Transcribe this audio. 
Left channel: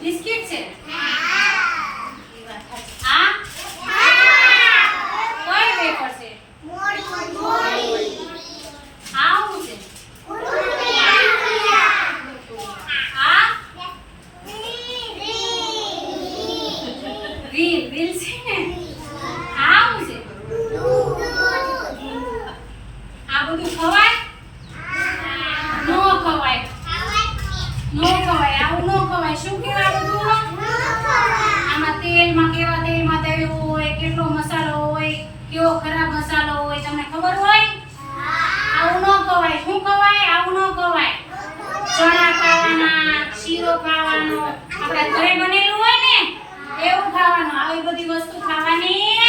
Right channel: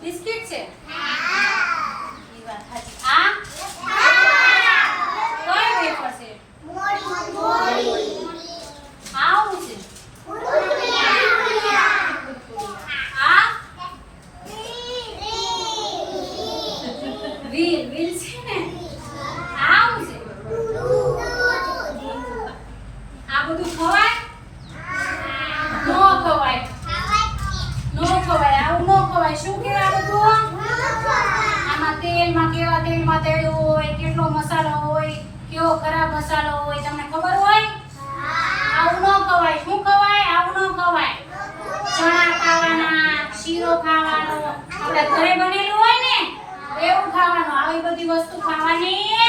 Biscuit છે. આ કઈ વેફર છે આવું આ રીલ રીલ છે ને આવું આ બધું ખવાય નો ખવાય નો ખવાય આવું નો ખવાય શું કહેવાય આ બધું આમાં તેલમાં કેવા તેલમાં તળ્યું હોય કેટલો મસાલો હોય કેવો ખરાબ મસાલો હોય તમને ખબર હોય આવું ન ખવાય શું ખવાય આવું ન ખવાય ચણા ખાવાના શીરો ખાવાનો. ઘરે બનેલું હોય ને એવું ખાવાનું. આવી બધી વસ્તુ ખાવાની.